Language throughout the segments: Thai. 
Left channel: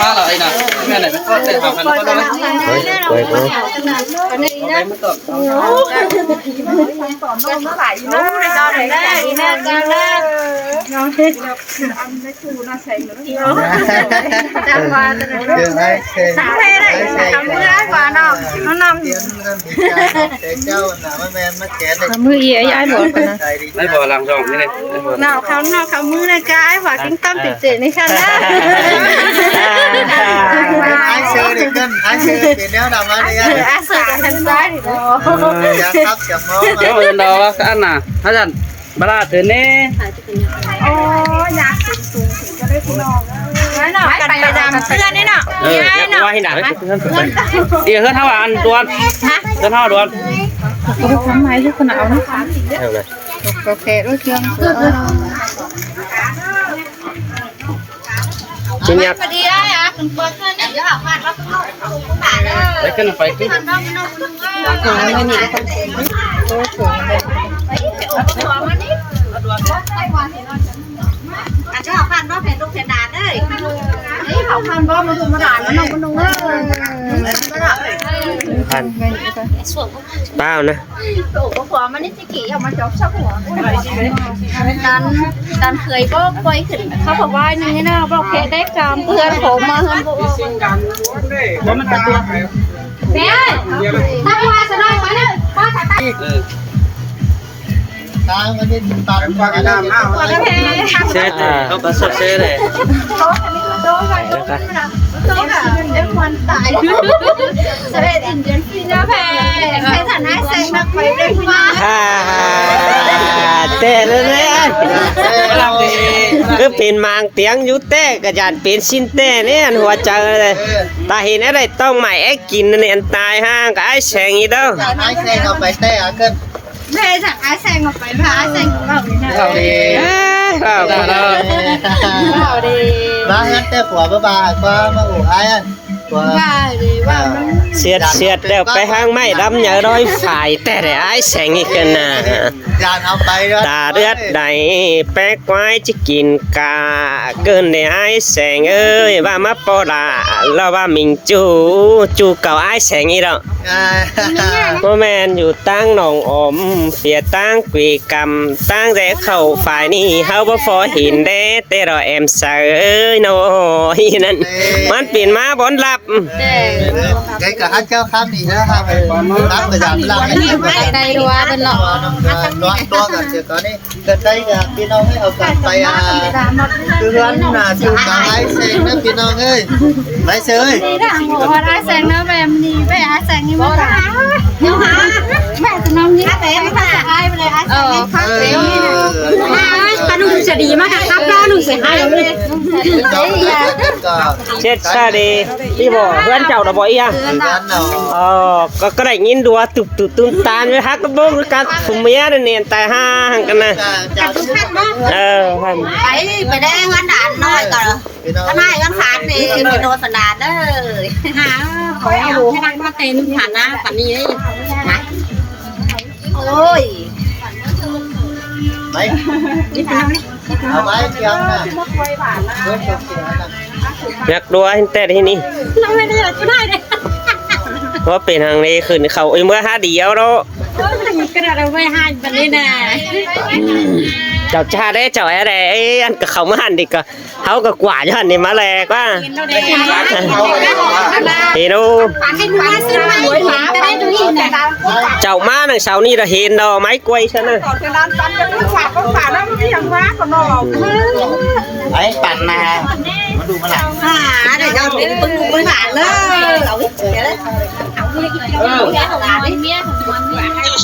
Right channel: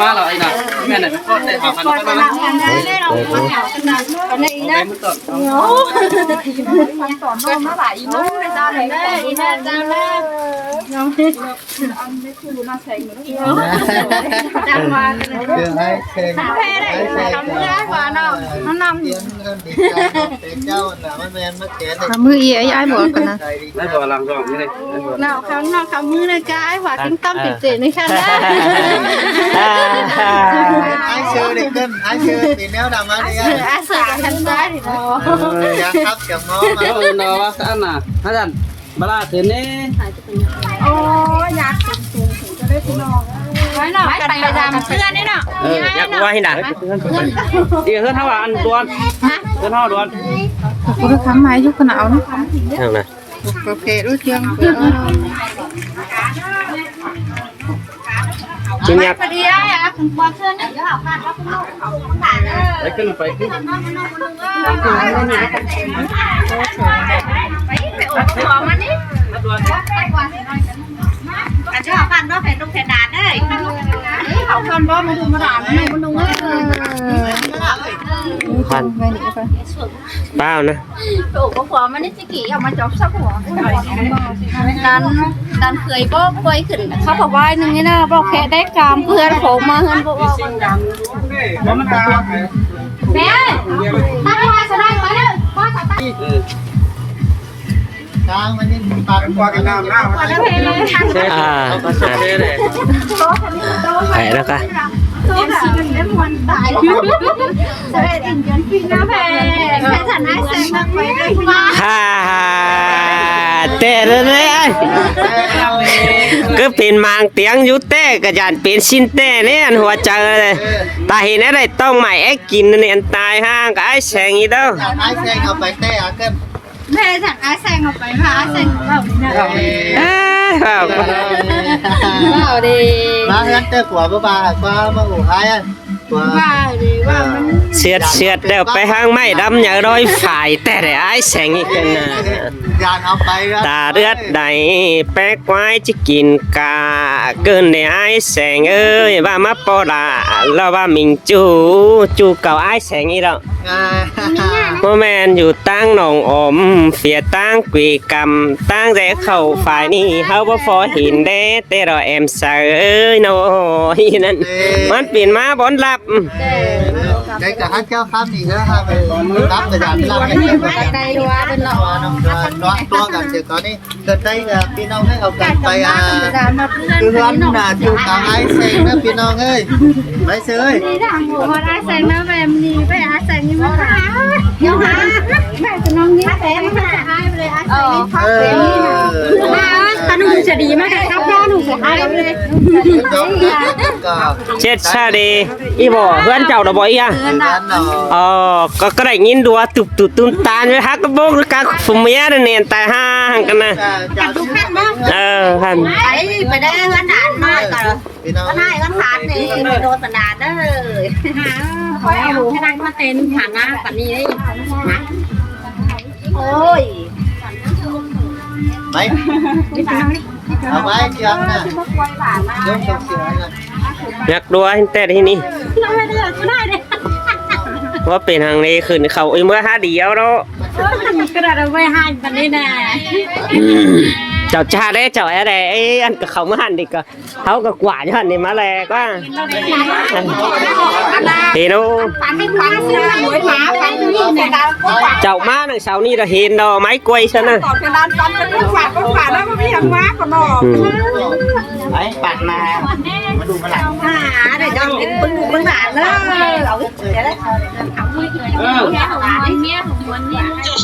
มาแล้วไอ้น่ะแม่ไหนมันก็ได้หาพันก็ได้ไปไปไปมันตกก็มาหลายอีน้องได้ดอนได้แม่จ้าแม่น้องอันไม่คือน่าใส่เหมือนจังหวะคือให้เซ็งให้ทำมือได้กว่าน้องน้องนำเตียนเงินดีใจเจ้าน่ะแม่มาแกนทำมือไอ้บอกกันนะไม่บอกหลังจองนี่เลยน้าเขามือเลยกายว่ากิ้งตั้มติดเจนี่ค่ะนะไอ้เชื่อเด็กกันไอ้เชื่อเป็นแนวดำมาเลยไอ้เชื่อกันทันได้ดิเนาะอยากครับจะมองมาเออเนาะอันน่ะอาจารย์บลาถือเน่โอ้อยากสูงจะได้พี่น้องไว้เนาะกันไปดำเสื้อนี่เนาะไว้หนาเดี๋ยวเพื่อนเท่าอันดวนเพื่อนเท่าดวนคุณทำไมที่คนเอานะคะเท่าไหร่โอเครู้เรื่องกินยักษ์ไปดีอ่ะคุณปอเพื่อนเดี๋ยวหาพันแล้วคุณลูกคุณหลานไปขึ้นไปขึ้นของมันนี่อาจจะหาพันว่าแผ่นลูกแผ่นดาดเลยเขาพันว่ามันธรรมดาแล้วน้องมันนุ่งพันเปล่านะโอ้หัวมันนี่จิ๋วมันจบสักหัวการเคยก็เคยขึ้นเขาบอกว่าอย่างนี้นะบอกแค่ได้กามเพื่อนผมมาเพื่อนบอกว่ามันตัวแม่ตั้งไว้สบายไว้เลยป้าถ่ายตั้งทางมันนี่ตัดกว่ากันน้ำกว่ากันเช่เขาก็เช่เลยไหนแล้วกันเอ็มวันตายเสด็จอินเดียนฟีน่าแพ้แค่ฐานะเซ็งมากไปเลยพี่น้าเต้เลยคือเป็นมางเตียงอยู่เต้กระยานเป็นชิ้นเต้เนี่ยหัวจังเลยตาเห็นอะไรต้องใหม่ไอ้กินเนี่ยตายห้างกับไอ้แสงอีเด้อไอ้แสงเอาไปเต้อาเกินแม่สั่งไอ้แซงออกไปพาไอ้แซงออกไปนะมาเฮือนเต้ผัวบ้าว่ามาอู่ไอ้ว่าเลยว่ามันเสียดเดี๋ยวไปห้างไม่ดำอย่าร้อยฝ่ายแต่ไอ้แสงอีกนะยานเอาไปตาเลือดใดแป๊กไว้จะกินกาเกินในไอ้แสงเอ้ยว่ามาปอดาเราว่ามิงจูเก่าไอ้แสงอีแล้วพ่อแม่อยู่ตั้งหนองอมเปียตั้งกุยกำตั้งแต่เข้าฝ่ายนี้เฮาบ่พอเห็นเด้แต่เราแอมเสยน้อยนั่นมันเปลี่ยนมาบนลับได้กับฮัทเจ้าข้ามอีกแล้วครับรับประหยัดเราให้ได้ว่าเป็นหลอกตัวกับเจ้าตอนนี้เกิดได้กับพี่น้องให้เอากลับไปคือเพื่อนน่ะจูบกับไอ้เซงนะพี่น้องเอ้ยไม่เซยนี่ทางบอกว่าไอ้แซงนะแม่ดีไปไอ้แซงนี่มาหาเดี๋ยวหาแม่จะน้องยิ้มเต็มค่ะไอ้ไปเลยไอ้แซงนี่ครับเต็มนี่นะถ้าหนูจะดีมากครับแม่หนูเสียหายเลยเช็ดซะดีอีบ่เพื่อนเจ้าดอกบ่อีอ่ะก็ได้ยินดัวตุบตุ้มตาเลยฮักกระโบกหรือการฝุ่มเมียเนี่ยแต่ห้างกันนะไปได้เงินด่านน้อยก่อนก็ได้เงินขาดนี่ไปโดนสันดานเด้อหาคอยเอาให้ได้มาเต็มฐานะปันนี้นะโอ้ยไม่เอาไว้เกี่ยวนะอยากดูแต่ที่นี่เราไม่ได้อยากได้เลยว่าเป็นทางนี้ขึ้นเขาเมื่อ5เดียวเนาะกระดาษเอาไว้ให้ปันนี้นะเจ้าชาได้เจ้าอะไรไอ้อันกับเขามาหันดิก็เขากับกว่าจะหันนี่มาแลกว่าเห็นดูเจ้ามาหนึ่งเสานี่เราเห็นดอกไม้กล้วยใช่ไหมไอ้ปัดมาดูมาหลังเดี๋ยวย้อนเป็นตุ้งมือหนาเลย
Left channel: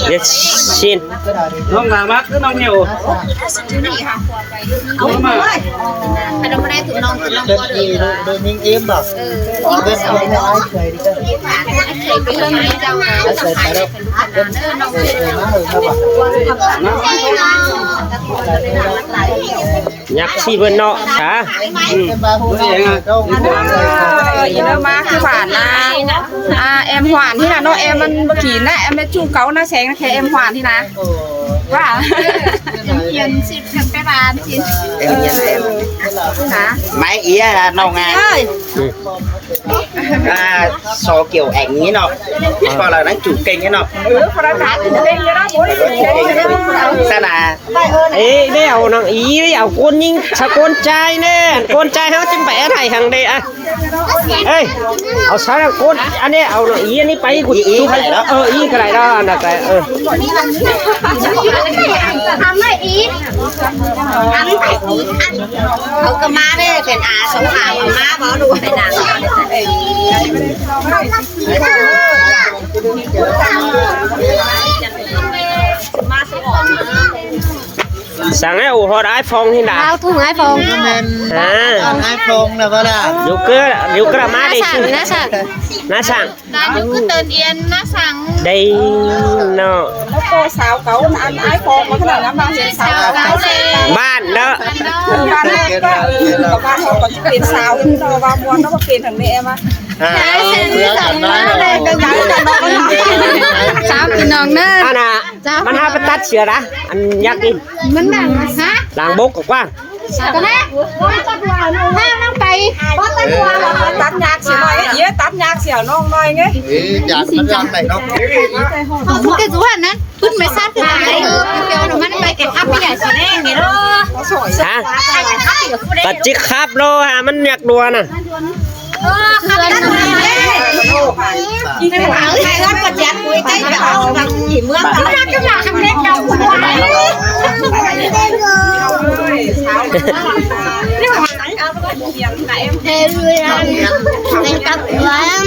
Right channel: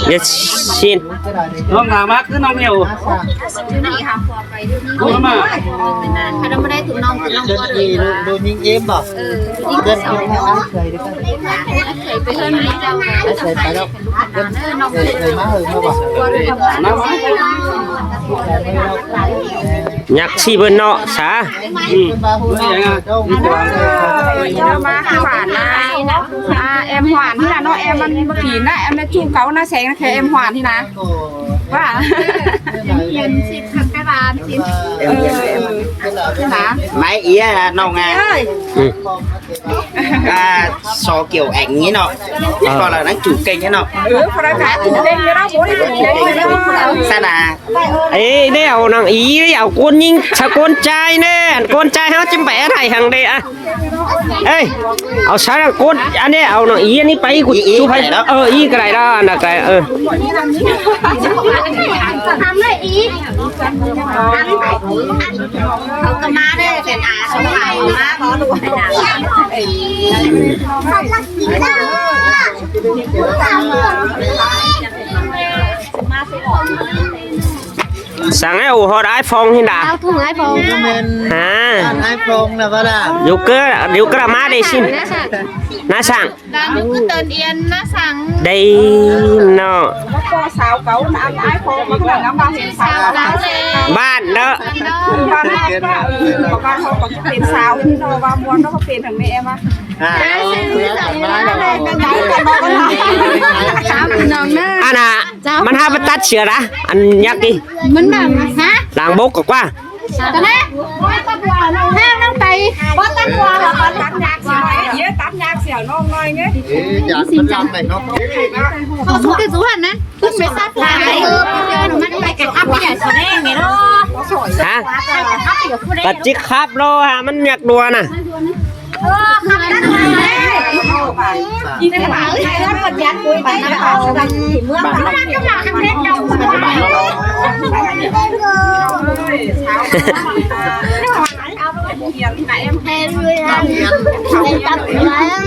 เด็ดสิ้นน้องหนามัดคือน้องเหนียวนี่ค่ะขวบไปเอามาใครเราไม่ได้ถึงน้องตัวเลยดูนิ่งเอ็มแบบเดินเอาให้ไอ้เคยดิเคยไปเรื่องนี้เจ้าเคยไปแล้วน้องเคยมายักษ์ชีเบนเนาะสาบ้าหูนี่ยังไงเจ้ามาหวานนะแอมหวานที่นะน้องแอมมันขี่นะแอมมันจูเก๋าหน้าแสงนะแค่แอมหวานที่นะว่าเย็นสิบไปบ้า máy ý nông so kiểu ảnh ấy nọ hoặc là nó chủ kênh ấy nọ sao là เอ้ยได้เอาน้องอีได้เอาคนยิงชะคนใจแน่คนใจเขาจิ้มไปอะไรทางใดอ่ะเอ้ยเอาซะคนอันนี้เอาน้องอีอันนี้ไปกูดูให้อีก็ได้แล้วนะแต่ทำเลยอีเขาก็มาได้เป็นอาสมภารมาเพราะดูเป็นอาสั่งให้อู่ฮอดไอโฟนที่ไหน เอาถุงไอโฟน เมนไอโฟนนะเวลา อยู่กระมาได้ชิมน้าสั่ง ด้านคือเตือนเอียนนะสั่ง ได้เนาะ สาวเขาอันไอโฟนมาขนาดน้ำบางสาวเขาเลย บ้านเนาะ เกินแล้วเกินแล้ว บ้านเขาก็จะเป็นสาวที่เราว่าม้วนแล้วก็เป็นทางแม่มา เพื่อกันมาแล้ว สาวพี่น้องเนอ อันน่ะมันห้าประตัดเชือนะอันยักษ์ดิ มันแบบฮะ หลังบกกว่า กันนะให้น้องไปบ้านตันวัว ตัดยากเสียหน่อยเยอะตัดยากเสียน้องหน่อยไง อยากมันรักไหนเนาะ ขอพูดกันสุวรรณนะตุ้นไม่ทราบถึงอะไรเดี๋ยวมันไปเก็บอัพไม่ใหญ่สุดแน่เนี่ยเนาะ ฮะปัจจิครับโลฮะมันอยากดัวน่ะ คืออะไรอีกหลังใครรับประจันคุยกันเอาทางที่เมืองกันแล้วจะมาทำเล็กเราหัวเขียนไหน เฮ้ยในตับแหวน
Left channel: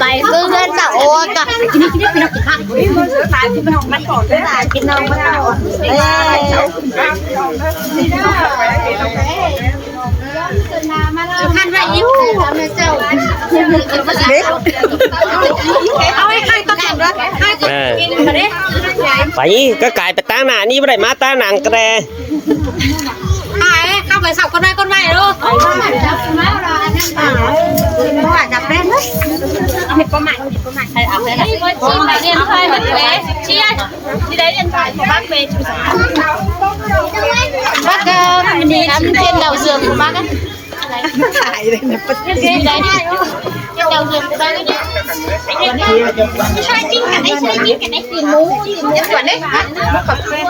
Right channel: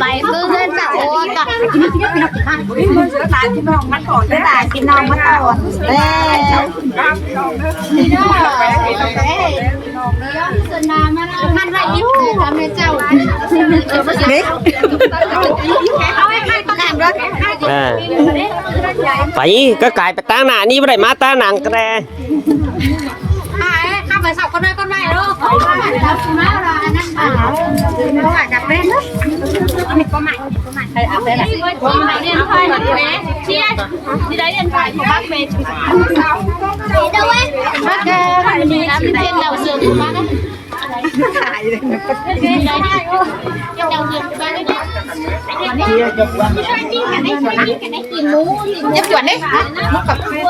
ไปก็เงินแต่โอ้ก็กินนี่กินนี่กินนี่ มันเสือตายพี่น้องมันก่อนได้ กินน้ำมะนาวท่านให้ยิ้มทำให้เจ้าเอาให้ใครต้องการรักให้ตัวกินมาดิ ไปก็กลายไปตั้งหน้านี่ไม่ได้มาตั้งหนังกระแด เข้าไปสับคนได้คนใหม่ลูกมาเราอันนั้นป่าเขาอาจจะเป็นมีคนใหม่ใครเอาเลยนะที่ไหนเรียนไทยเหมือนแม่เชียร์ที่ได้เรียนไทยของบ้านเบย์จุ๊บด้วยบ้านมันดีนะมันเป็นดาวเสือมบ้านกันถ่ายเลยนะประเทศไหนดาวเสือมบ้านกันวันนี้ใช่จริงกันได้ใช่จริงกันได้กินหมูกินส่วนได้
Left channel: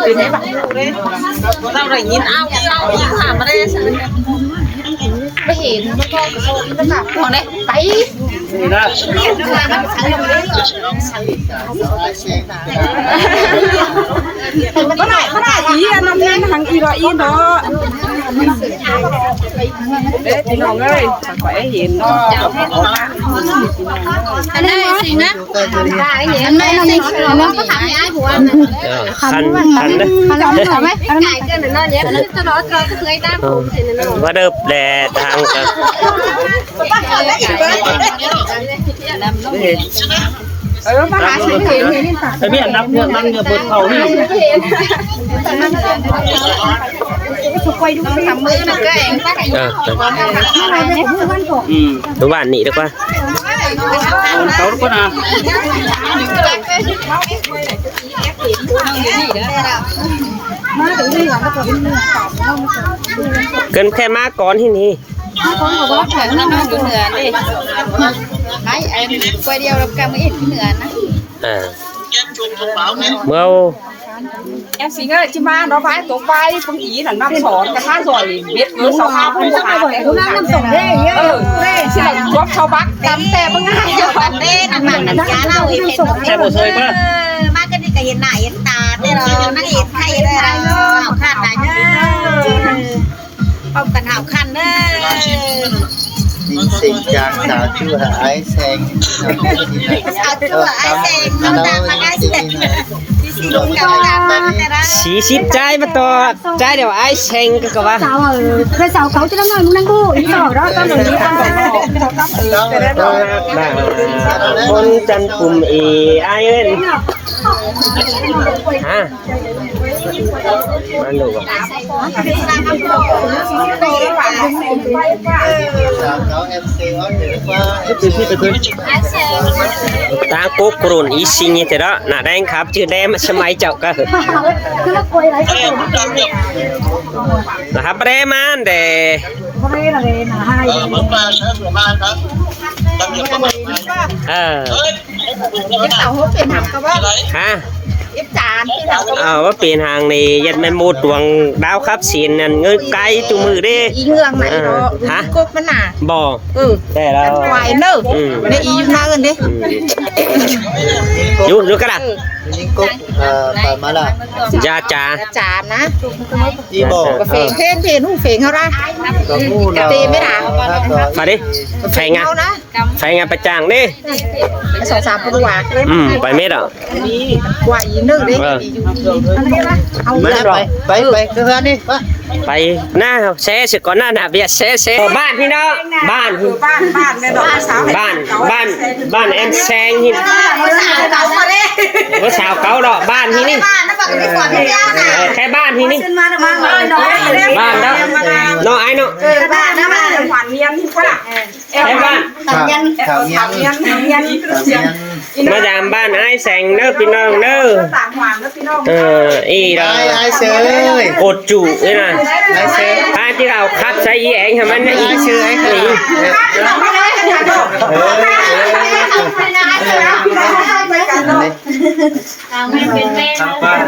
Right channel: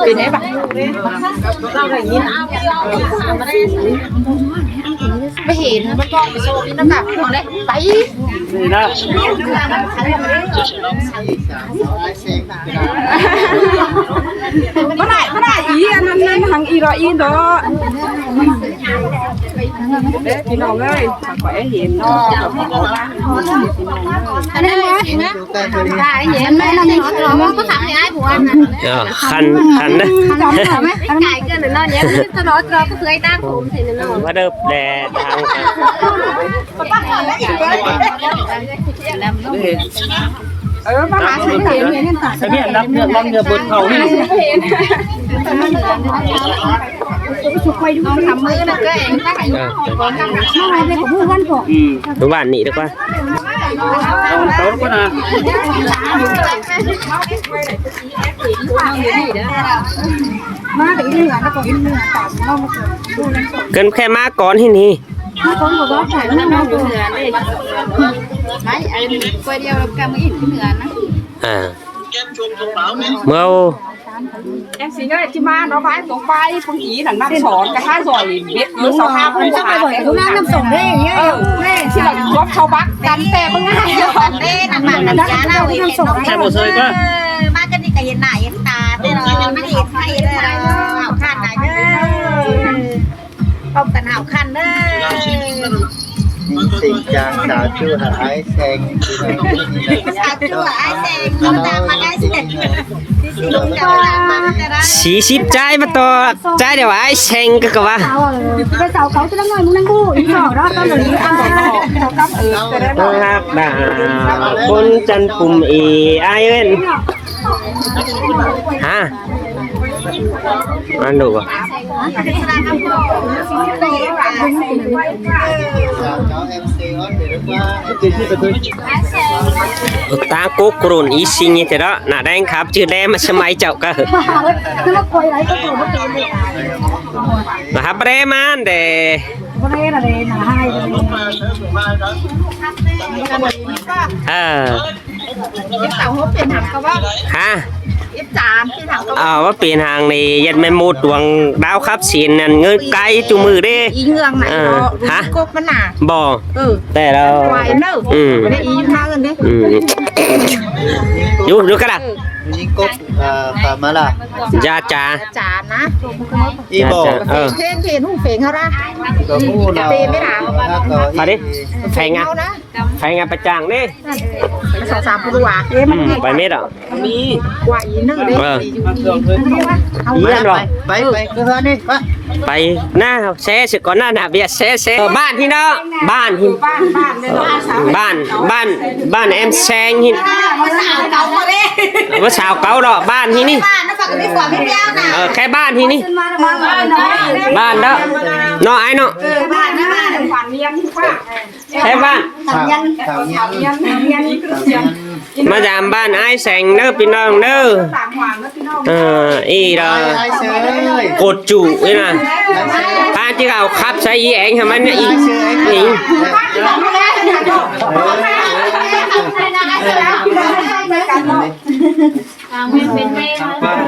กินได้ปะเราได้ยินเอาเราอีกถามมาได้ไม่เห็นไม่ก็จะกลับของได้ไป นี่นะ ก็ได้อีอันนั้นทางอีรออีเนาะเด้พี่น้องเอ้ยถ้าขอให้เห็นเนาะจะขอว่าพี่น้องเอ้ย อันนี้นะได้เห็นไหมเราไม่เราก็ถามให้ผัวนะ คันเด้อ จำหน่อยไหมไก่เกินหรือน้อยเนี้ยจะรอเราก็เคยตั้งผมเห็นนั่น ว่าเดิบแดดทางกัน มาหาสิเห็น ไอ้เบี้ยรับเรื่องมันจะบดเขานี่ คอยดูทำมือนะก็เองตั้งไก่อะไรเนี่ยผมพูดวันก่อน ดูบ้านนี่ดีกว่าโต๊ะก็นะ มาถึงเรื่องแล้วก็เรื่องต่อเรามาก่อน เกินแค่มาก่อนที่นี่ มาก่อนบอกว่าถ่ายแล้วมาอยู่เหนือเลยไอ้กวยเดียวเราแกไม่เห็นที่เหนือนะ เมื่อ แอสิงห์ที่มาเราไปตรงไปพงอีหนังน้ำสอนกระทะซอยเบ็ดมือ2 5ผู้หาแต่เออน้ำส่งได้ที่เราครบชาวบ้านกันแต่เพิ่งให้กันเด้นั่นมันยาเน่าเห็นน้อง แค่บ่เคยก็ มาก็นี่ก็เห็นหน้าเห็นตาแต่เราไม่เห็นใครเลยเนาะขาดไหนเนาะเอากันหาคันเนาะ มีสิ่งอย่างสาวชื่อไอ้แซง สาวตัวไอ้แดงน้ำตาไอ้แดงที่สีดำแต่ละ 40ใจมาต่อใจเดี๋ยวไอ้เชงก็ว่า สาวไปสาวเขาจะนั่งนั่งดูอีกสองแล้วตอนนี้อ่ะ ต้องรับดาคนจันปุ่มเอไอเอ็นฮะมันดูอ่ะ สาวเขาเอ็มซีออนหรือว่า ตาโกกรุนอีซิงนี่แต่ละหน้าแดงครับชื่อแดงมาสมัยเจ้าก็ คือว่าคอยอะไรก็ตัวมันเป็น นะครับเรมันเด ก็ได้ละเลยนะให้เออ เต่าหัวเป็นหักก็ว่า ฮะ อิบจานที่หักก็ เอาว่าเปลี่ยนทางนี่ยันไม่หมดดวงดาวครับสินนั่นเงินไกลจุมือเด้ อีเงืองไหนเนาะรู้กบมันน่ะ บ่ แต่เรา ไหวเนอะในอีอยู่หน้ากันดิ อยู่กระดาษ ยิงกุ๊กตามมาล่ะ ยาจ่า จานนะ อีบอก เฟงเพนหูเฟงเขาได้ ก็มูเรา มาดิไฟงา เขานะ ไฟงาประจางดิ 2-3ปีกว่า ไปเม็ดอ่ะ มีกว่าอีนึงดิอยู่ดีเอา เรื่องหรอ ไปคือเฮือนนี่ไป ไปหน้าแซ่สิก่อนหน้าหนาเบียแซ่บ้านพี่น้องบ้านพี่ บ้านเลยเนาะสาว บ้านแอมแซงนี่ ว่าสาวเก่าดอกบ้านที่นี่แค่บ้านที่นี่บ้านแล้วน้องไอ้เนาะ บ้านนะบ้านขวัญเรียนว่า แค่บ้าน ข่าวเงียบ เรียนนี่คือเรียน มาดามบ้านไอ้แสงเด้อพี่น้องเด้อ ต่างหวานแล้วพี่น้อง อีดอ ไอ้เชย กดจุนี่นะถ้าที่เราคัดใช้อีเองทำมันอีกชื่อไอ้หนี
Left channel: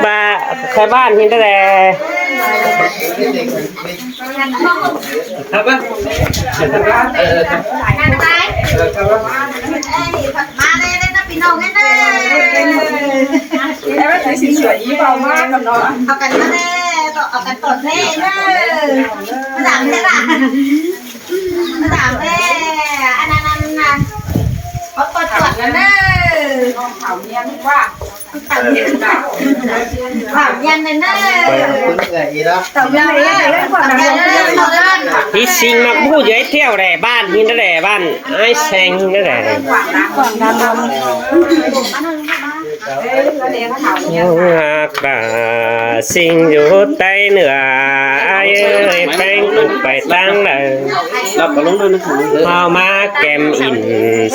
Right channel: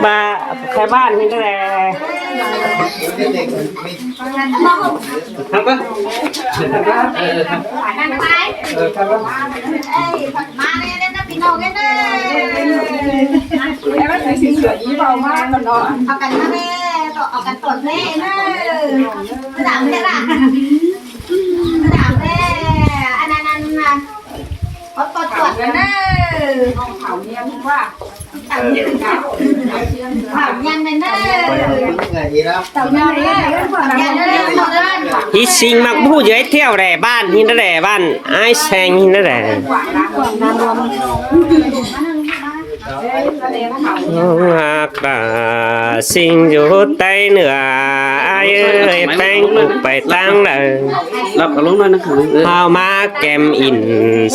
บ้าแค่บ้านที่นั่นแหละครับป่ะ มาเลยนะพี่น้องกันเลย แอบไปสิสวยอีเบามากกันเนาะ เอากันมาเลยต่อเอากันต่อแน่นะหลังจะหลังหลังแน่อันนั้นนะเขากดตรวจแล้วนะ ข่าวเรียนว่า ถามยังเลยนะ อีแล้ว ถามยังเลยเรื่องความดันเรื่องความดัน ที่สิงมาพูดเยอะเที่ยวแหละบ้านที่นั่นแหละบ้านไอ้แสงที่นั่นแหละกาสิงอยู่ใต้เหนือไอ้เอ้ยแป้งไปตั้งเลยรับรู้ด้วยนะเอามาแกมอิน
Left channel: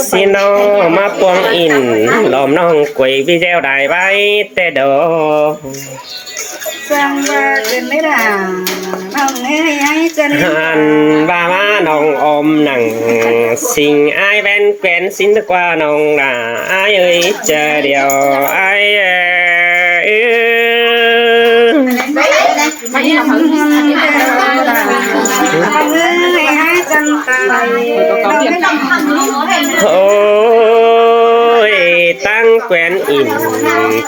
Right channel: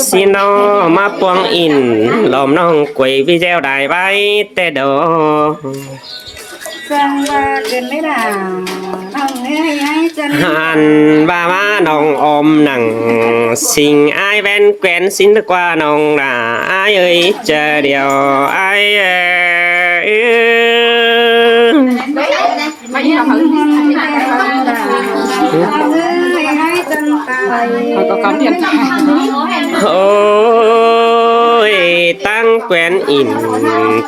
สิน้อมาปวงอินลอมน้องกวยวิเจ้าได้ไว้แต่ดอ สั่งว่าเกินไม่ได้น้องเอ้ยไอ้จัน หันว่ามาน้องอมหนังสิงไอ้แว่นแกวนสินตะกว่าน้องด่าไอ้เอ้ยเจอเดียวไอ้ไม่ใช่เขา ไอ้จันตาย โอ้ยตั้งแกวนอิน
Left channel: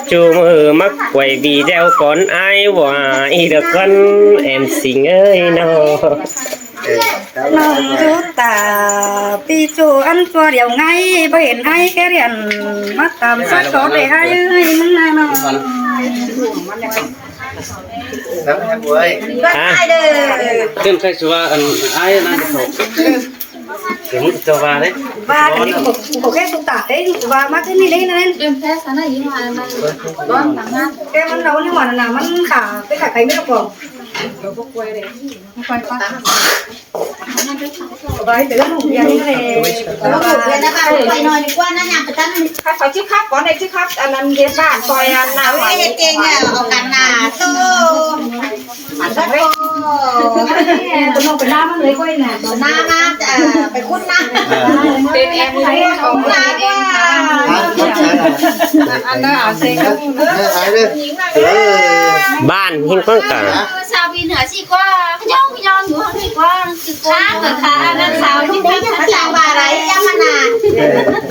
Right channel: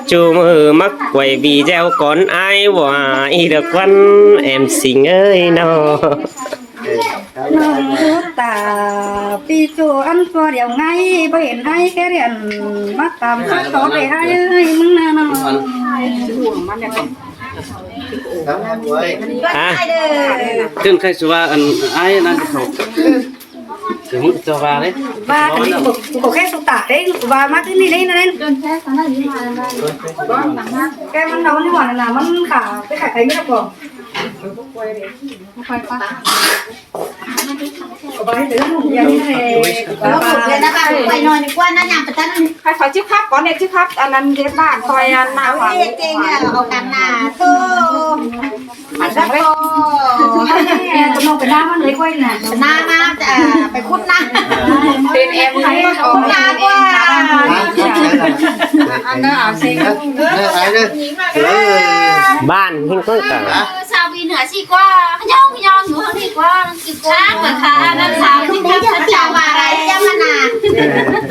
จูมือมักไว้วีเจ้าก่อนไอ้ว่าอีเด็กวันแอมสิงเอ้ยน้อ น้องดูตาปีจูอันตัวเดียวไงบ่เห็นไอ้แกเรียนมาตามสักต่อได้ไอ้เอ้ยมึงน่ะน้อง แล้วแม่บวย ฮะ ซึ่งเคยสุว่าอันไอ้นั่นเขาถึงมันจะว่าเลย ว่ากันนี่บ่แค่สุตาเด้ว่ามาที่นี่เลยนั่นแกมันเอานี่หว่าน่ะมันขาไปขายใครไม่ได้บ่ไปเดี๋ยวมึงอย่านี่แหละเอาสุดเลยนะคะไปหน่อยดีกว่านะยังประจันนี่ ใครเขาชื่อครับก่อนเนี่ยชื่อครับอันนั้นเรียนบ้านซอยนั้นนะ เอาไอ้เก่งอ่ะเอากันหน้าตู้อันนั้นก็คนน้องไปหน้ามันเลยก้อยน่ะหน้ามาจะไปคุ้นนะ เป็นแอมเลยออกยาว่า อันนั้นเอาเซ็ง ไอ้เลย บ้านหิ้งก้องกัน ชาววีเหนือสิกว่าย่องย่องอยู่ข้างนี้กว่าสิกว่าเกิดค่ะอันนั้นสาวที่พักสาวอะไรยังมันน่ะ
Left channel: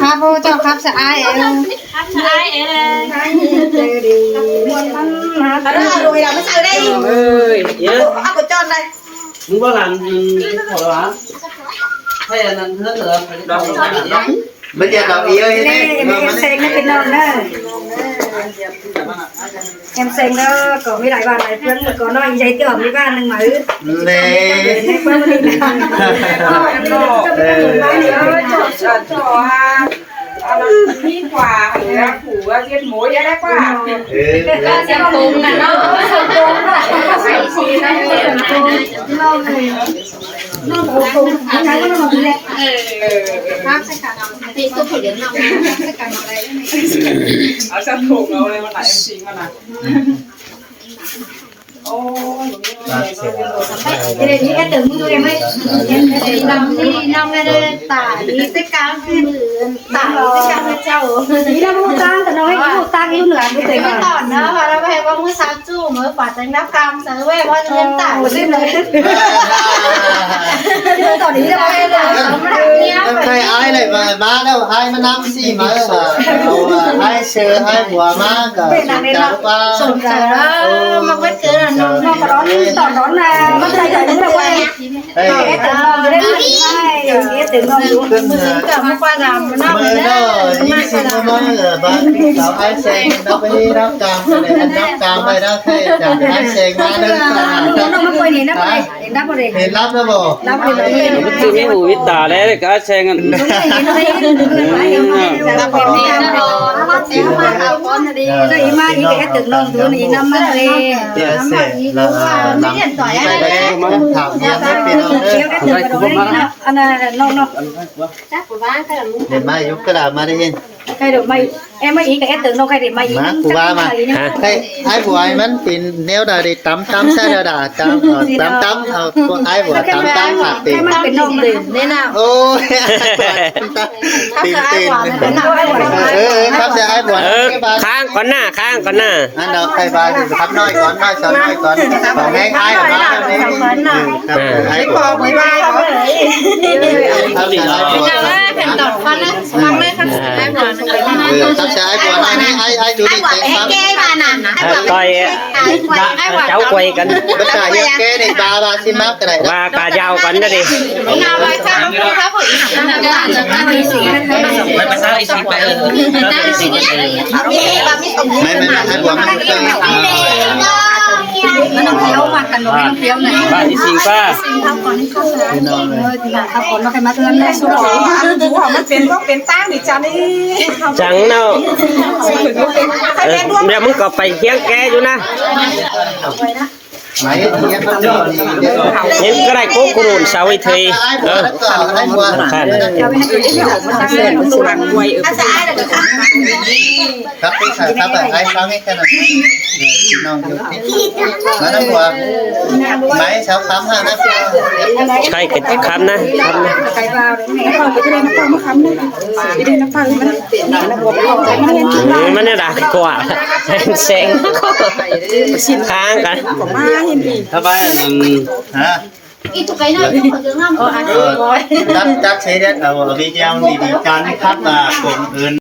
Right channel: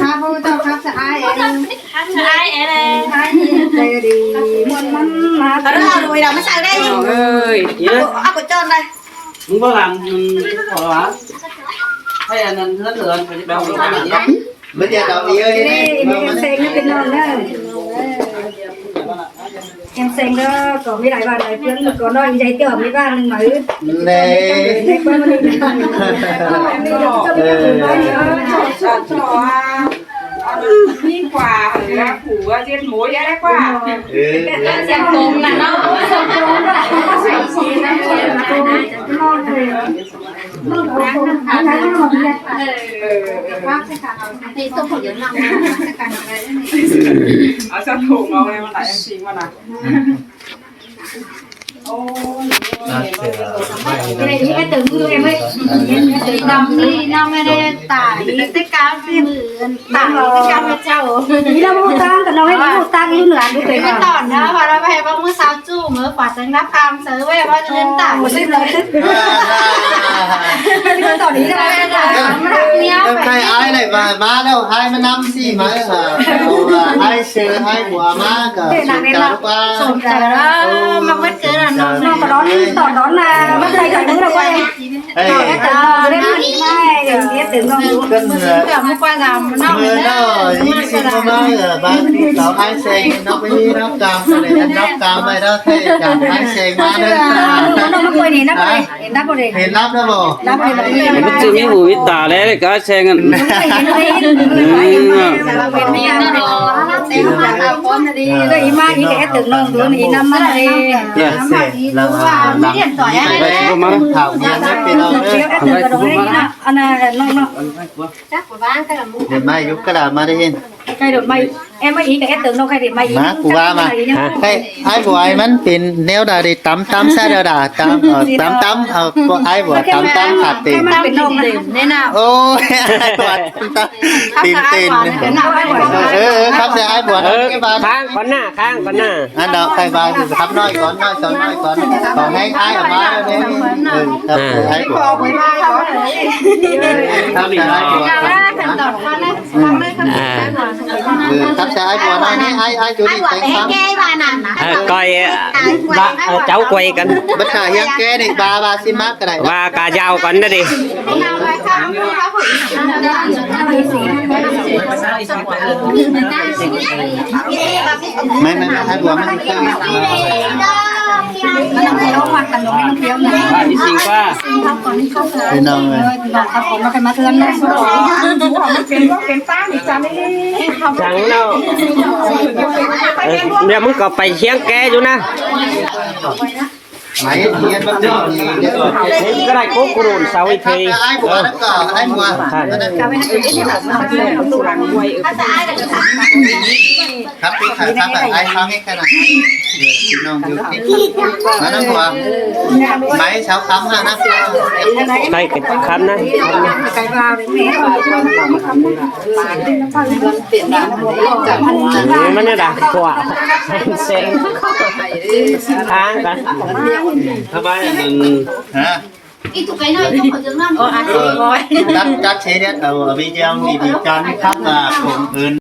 ครับเจ้าครับสะอายเองสะอายเองใจดีมันมาแต่เราดูเราไม่ใช่ได้ เอ้ย เยอะ เอาไปจนเลย มึงว่าหลังขอละให้อันนั้นเท่าเดิมไปที่บ้านเนี่ย ไม่ได้ดอกอีเอ้ย นี่เซ็งนี่เป็นน้องเด้อแอมเซ็งเด้อก็มีหลายบ้านหลายเพื่อนก็น้อยใจเติมมีบ้านนึงมาเล่ ในเพื่อนนี่นะ นี่กว่าเหลือผัวเรียนหมูเยอะได้กว่า เซ็งตรงน่ะเนาะเซ็งตรงน่ะใส่สีน้ำเค็มมานะน้องเลยน้องตรงอันนั้นน้องแหละครับใช่ค่ะนี่ตัวผู้เลี้ยงน้องใช่กันอะไรนี่ เอาสักถุงเอาเลยมาไหนเอ็มซีมานะโอ้ đây đi cái từng người em ấy làm đi năm nay đây tải đi tất cả cái tải tất cả các cháu đi đâu mua tăng còn đâu hay mua tăng luôn nữa đúng cái tòn đó và nó về bao mua sao chu mới quả trứng đắp cam sớ về bao nhiêu tải một lên rồi tòn đi đâu hay là Thầy ai lại mà má đâu ai mà năm gì mà ai sờ ai bùa má cả sồn trời đó mà bất cứ là nó có đón tòn đón là mất tay rồi đúng là quay Hãy qua làm nó mưa nó đi xin nó mới bán cậu ai sen nó phải nó cam này anh nó cam này nó thấy chẳng ai sen mà nó quay thì nó quay nó có để thì lắp nó bộ nó quay là gì Bất cứ những vụ tà đấy có xe ngân. đúng rồi nó đi nó đi nó đi mà ý cái từng nông tuổi này năm mà đi năm mà đi qua mấy điện thoại ở đây đấy thảo nhiên hết pin đâu nữa anh là nông chắc của ba cái là để mai giúp cái làm mà đi cái được mày em mới ý cái từng nông cái để mày má của ba mà cái ai của ai mình pin nếu đã đi tắm xe đã tắm có ai của tắm phạt tiềnเป็นนมเลยเนี่ยนะ ôi tiền khắp giờ ai buồn cái bà ข้างก่อนหน้าข้างก่อนหน้า anh đọc thầy bà thì khắp nói con nói sao nói con bảo nghe ai ở đó đi ai của không mấy ba không ấy khắp giờ ai buồn เราละเป็นตอดฟันแล้วฟังเลยครับได้หวาน khắp giờ ai buồn ai chủ đi tiền khắp แก้บ้านน่ะ coi cháu quay cảnh bất cả những cái này bà xin map cái này và cả dao cảnh đó đi เอาไว้ถ้าลูกค้าผู้หญิงน่ะได้ไม่ภาษาอีสานไปได้สิไม่ mấy ai buồnมันต้องเคี้ยวมากันหนูไม่ต้องเคี้ยวไหน Ba đi xin pha. ทำก่อนให้เข้าร้านทำก่อนมาใครมาเตือนได้สุด ดูหอมมันเป็นว่าเป็นตั้งดิจ้านี่ chẳng đâu giờ muốn có phải hiến ké chú na mấy nhân vật gì những cái này cố cồn sao ấy thì ai buồn ai buồn khắp cái khắp ở ai khắp cái này non vô mà nó buồn mấy sáu khám ha nó cái khám na khám na ไปvào đến ngheมันเนี่ยด่าquả sen kháng cả Thưa ba, hả ít tụi cái này không có tiếng lắm chắc chắc sẽ đến ở video này thì cho khách là cùng